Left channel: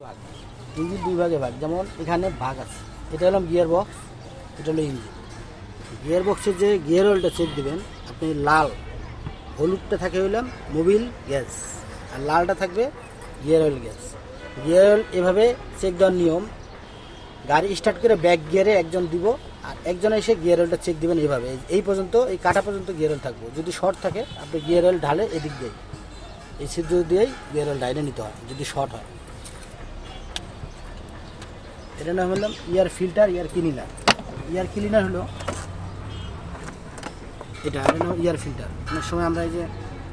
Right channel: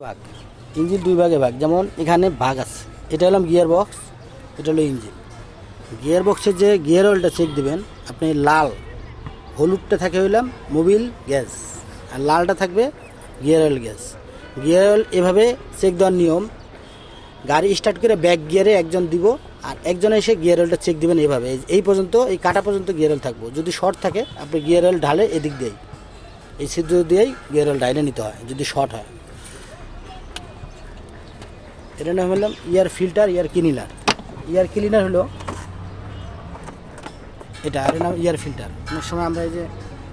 ভাগ। ইঞ্জিন দুই ভাগে ভাগ। যেমন এখানে ভাগ আছে। এটা হলাম গিয়ার বক্স এটা হলো ইঞ্জিন। গিয়ার বক্সের যে গিয়ার অয়েলটা চেক দেবেন, আপনি লাল, হলুদটা থাকে হইলাম মোবিল গ্যাস, আর লালটা থাকবে gear oil gas. Gear oil এভাবে চেক দেওয়ার নিয়ম, গাড়ি স্টার্ট করে ব্যাক গিয়ারে একজন দিব, আর একজন এসে গিয়ার অয়েলটা চেক দেবেন এইভাবে এই- পর্যন্ত, এই কাটা পর্যন্ত গিয়ার অয়েল থাকব। যদি শর্ট থাকে, আপনি গিয়ার অয়েল ঢালে এদিক দিয়েই, এই ছিদ্র দিয়েই গিয়ার অয়েল ডাইলে নিতে হয়, যদি শর্ট হয়। এটা নাম হলাম air filter, air cleaner. Air cleaner হলো এটা এর নাম ইয়ার ফিল্টার। অনেক সময় আমরা এই যে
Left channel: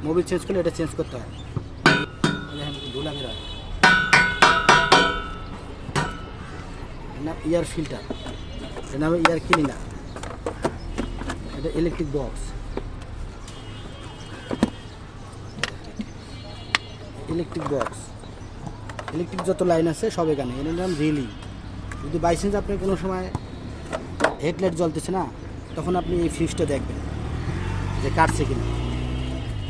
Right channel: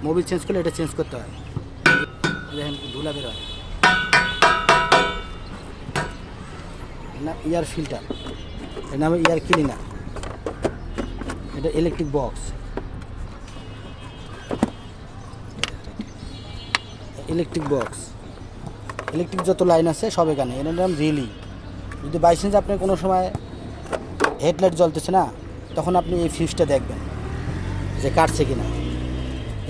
মোবিল চেঞ্জ করলে এটা চেঞ্জ করতে হয়। ধুলা বের হয়। Air filter. এর নাম ইয়ার ক্লিনার। এটা electric box electric box electric যত লাইন আছে সব এখানে। এর নাম রিলি। যদি বাই চান্স আপনার কোনো সময় হেডলাইট জ্বলতেছে না, তখন আপনি এই ফিউজটা দেখবেন যে কাটছে কি না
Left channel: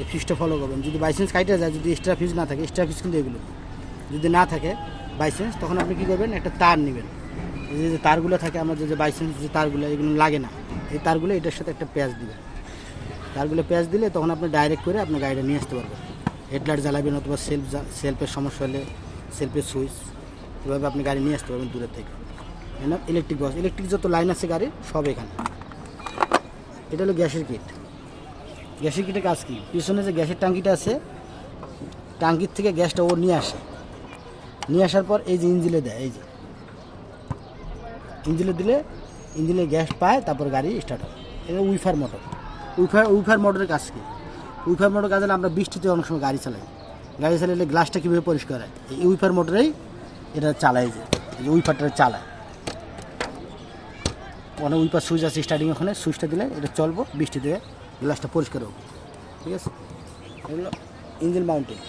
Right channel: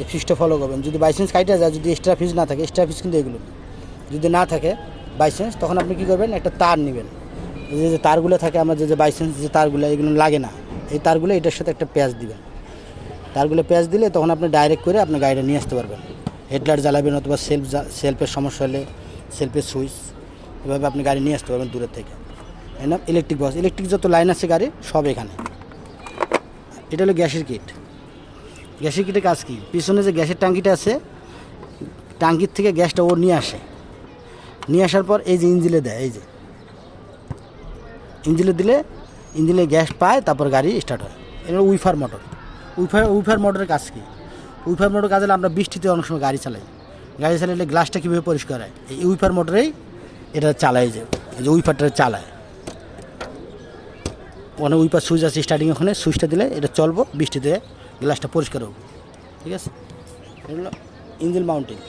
এই ফিউজটা ফলো করবেন। যদি বাই চান্স যায়, যদি এক্সট্রা ফিউজ না থাকে এক্সট্রা ফিউজ কিন্তু এগুলো। যদি না থাকে বাই চান্স তখন আপনি কী করবেন? একটা তার নেবেন। যে যে তারগুলো থাকে, আমার যে যে বাই চান্স যে তারগুলো, এগুলো লাগে না, এই তারগুলো এটার সাথে একটা প্যাচ দিবেন। তারগুলো প্যাচ দিলে তখন আপনি ডাইরেক্ট করে আপনি গাড়িটা নিয়ে আসতে পারবেন। হেডলাইট জ্বালাবেন অথবা সেলফ সেলফের সমস্যা হলে সেলফের সুইচ এভাবে আপনি গাড়ি নিয়ে আসতে পারবেন দূরের থেকে। তাই ইলেকট্রিক বক্স ইলেকট্রিক যত লাইন আছে গাড়ির, সব এখানে। এটা হলো গ্যাসের কিট গ্যাসের কিটের কাজ কি? পিছনে যে গ্যাসের ট্যাঙ্কিটা আছে ট্যাঙ্কির থেকে গ্যাসটা ও নিয়ে আসে। নিয়ে আসার পর এই যে ইঞ্জিলে দেয়, এই যে। ইঞ্জিলে দিলে, ইঞ্জিলে গ্যাস পায়, তারপর গাড়ি স্টার্ট হয়। এগুলো উইফার মোটর। উইফার উইফার মোটরের কাজ কি? উইফার মোটর কাজ হলে আমরা বৃষ্টিতে অনেক সময় গাড়ি চালাই। গাড়ি চালালে গ্লাসটা কীভাবে পরিষ্কার হয়? এই উইফার মোটরেই এটা চালায় যে উইফারটা চালায়। ওখানে উইপার সুইচ আছে স্টার্টিং ওখানে সুইচটা দিলে এটা চলবো বৃষ্টিতে গ্লাসটা পরিষ্কার হবে। ঠিক আছে? এগুলো ইঞ্জিন মাউন্টেন